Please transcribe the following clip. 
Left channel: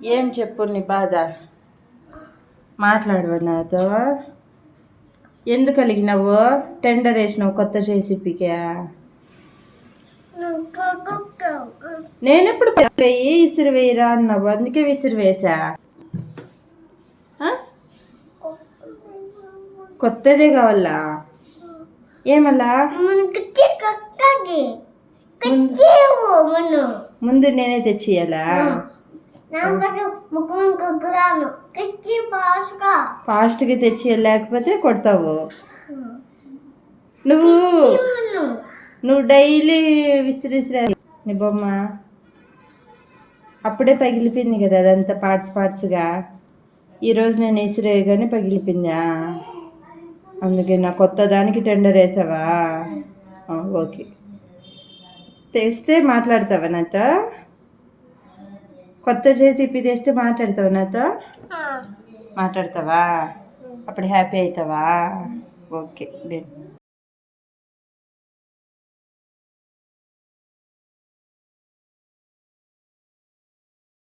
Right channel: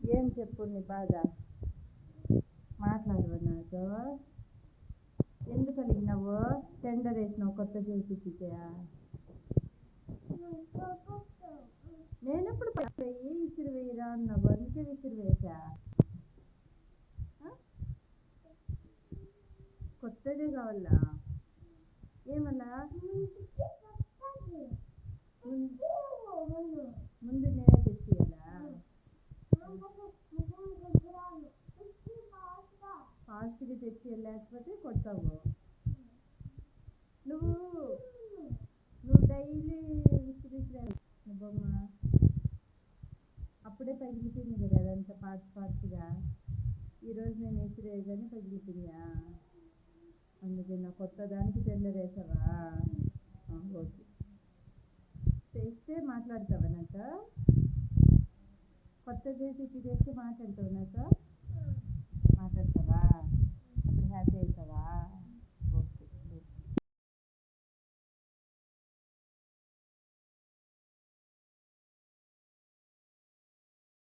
ఏం చెప్పు నీ బాధ మాట్లాడవు నాతో. ఎందుకు అలిగినావు? టెండర్ వేసినావు కొత్త చేసిపికే. నేనెప్పుడు వెయ్యి విసిరి వేయరా అన్నావు, అందుకే విసిరి వేసా. కొత్తదే కావాలా? ఏమల్లా? ముందు నేనే తెచ్చియాలా? ఫాస్ట్గా తెచ్చి లేకపోతే కొడతావు. నువ్వు డైలీ విసిరిసిరా నీ బొమ్మ. అప్పుడే పగిలిపోయింది కదా అదంతా పార్ట్స్గా. ఈరోజు నేను విసిరేయగానే పగిలిపోయిందా? అందుకే నా కొత్త దానికి టెండర్ వేసావా? ఓకే, తెస్తే మాట్లాడతావా నాతో? కొత్త చేసి తెస్తే మాట్లాడతావా నాతో? మాట్లాడతావా? అప్పుడు హ్యాపీ అవుతావా? ఓకే.